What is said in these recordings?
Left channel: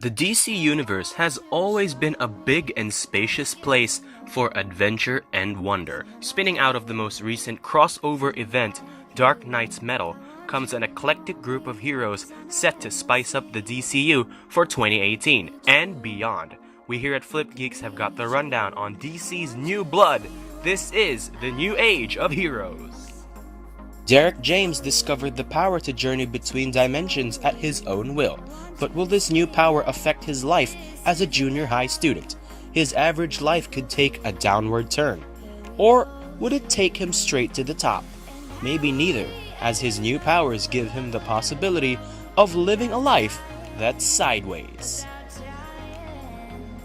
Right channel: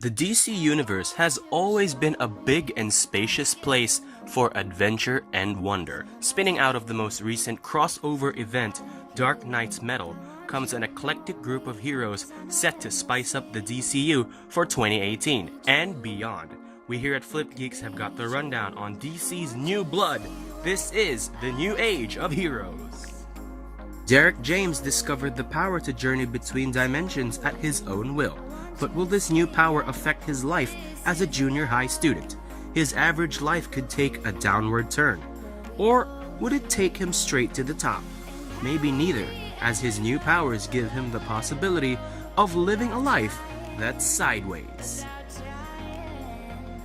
The DC Universe has always been a big and spacious place for adventure and wonder. Spinning out of the most recent crossover event, Dark Knight's Metal, comes an eclectic group of heroes set to spice up the DCU for 2018 and beyond. We here at FlipGeeks have got the rundown on DC's new blood. This is the new age of heroes. Derek James discovered the power to journey between dimensions at his own will. But will this new power affect his life as a junior high student? His average life could take a downward turn. Or would it take him straight to the top? Maybe neither, as his new powers give him the possibility of living a life that's sideways.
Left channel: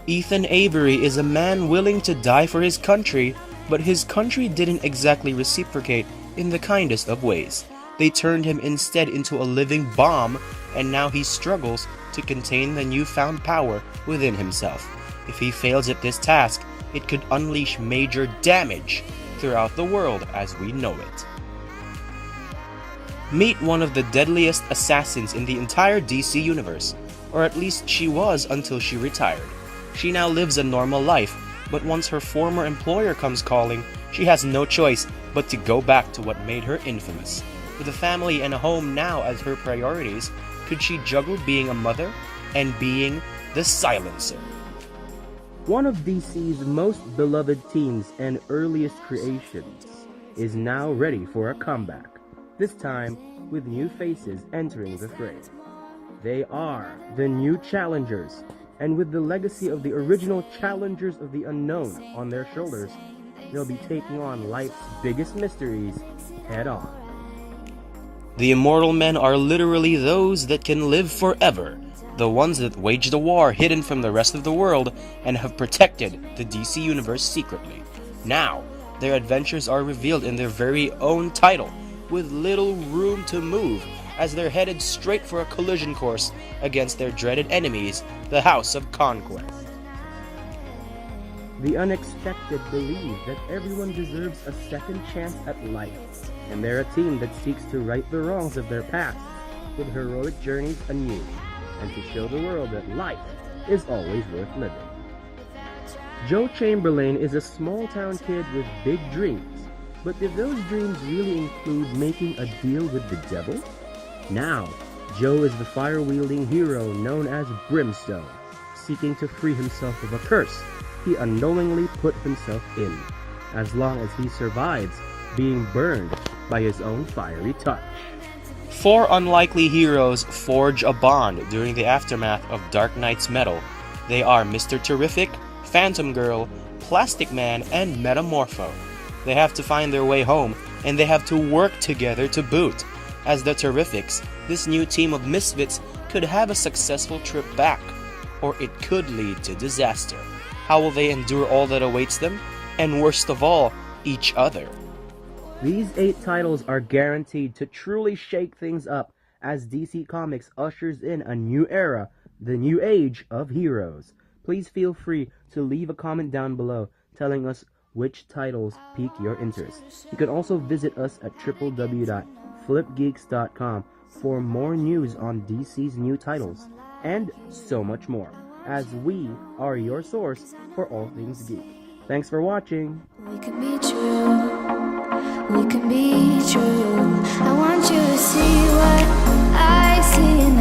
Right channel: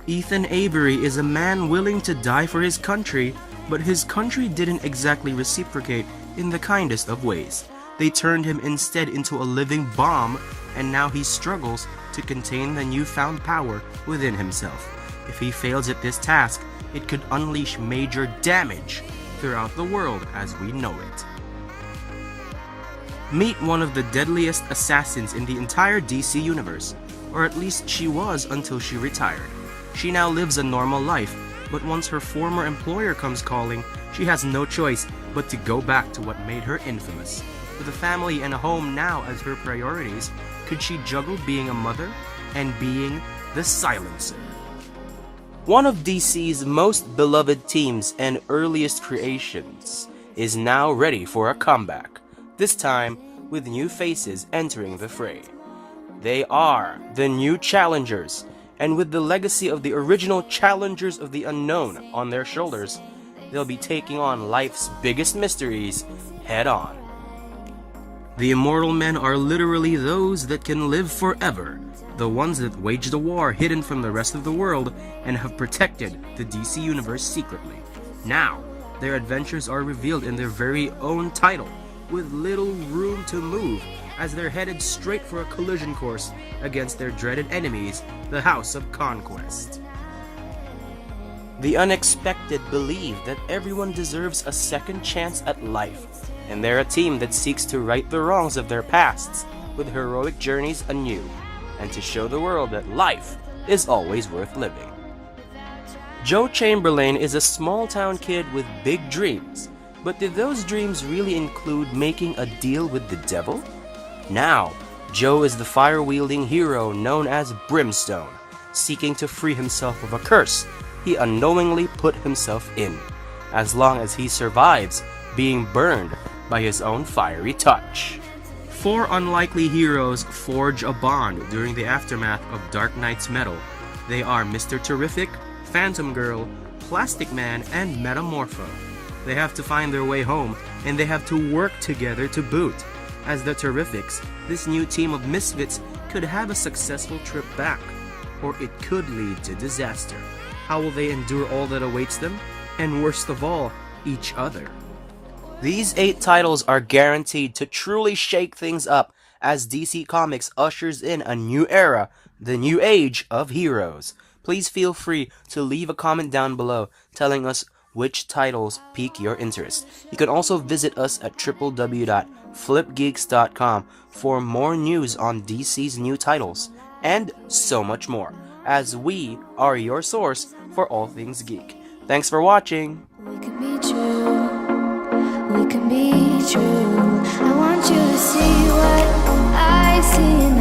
Ethan Avery is a man willing to die for his country, but his country didn't exactly reciprocate in the kindest of ways. They turned him instead into a living bomb, and now he struggles to contain the newfound power within himself. If he fails at this task, it could unleash major damage throughout the world as we know it. Meet one of the deadliest assassins in the entire DC universe, or at least she was until she retired. She now lives a normal life, but once her former employer comes calling, she has no choice but to go back to what made her infamous. With a family and a home now as her priorities, could she juggle being a mother and being the Silencer? One of DC's most beloved teams and earliest creations is now ready for a comeback, this time with new faces entering the fray. They are the new Challengers, and with the legacy of the original Challengers of the Unknown on their shoulders, they'll be taking on life's biggest mysteries head on. The Immortal Men are literally those that can live forever, the ones that waged a war hidden from the rest of the world and have protected the DC Universe secretly. Now, their adventures are revealed in their very own title, with little room to move, as they're headed straight for a collision course against their dreaded enemies, the House of Conquest. The unexpected believe that everyone deserves a second chance at life, and they're a team that seeks to right the wrongs of their pasts with heroic journeys anew, and to show the world that life is always worth living. Joe Chamberlain is a small-town kid with big dreams, but did those dreams really include making a deal with the devil? Now, Joe is the fire-wielding hero known as Brimstone, seeking to free himself of a curse he unknowingly put himself in, as long as he survives being burned by his own fiery touch. Four unlikely heroes forge a bond during the aftermath of Dark Knight's Metal. They are Mr. Terrific, Phantom Girl, Plastic Man, and Metamorpho. They have to find their way home, and they have to work together to boot. As the Terrifics, this new team of misfits could have a successful trip back, or it could lead to disaster. How will they endure all that awaits them? And worst of all, each other. These 8 titles are guaranteed to truly shake things up as DC Comics ushers in a new era, the new age of heroes. Please feel free to leave a comment down below telling us which titles pique your interest. You can also visit us at www.flipgeeks.com for more news on DC's new titles, and so much more, as we are your source for all things geek. Thanks for watching! We can be true, we can be true. I want you to see what I see.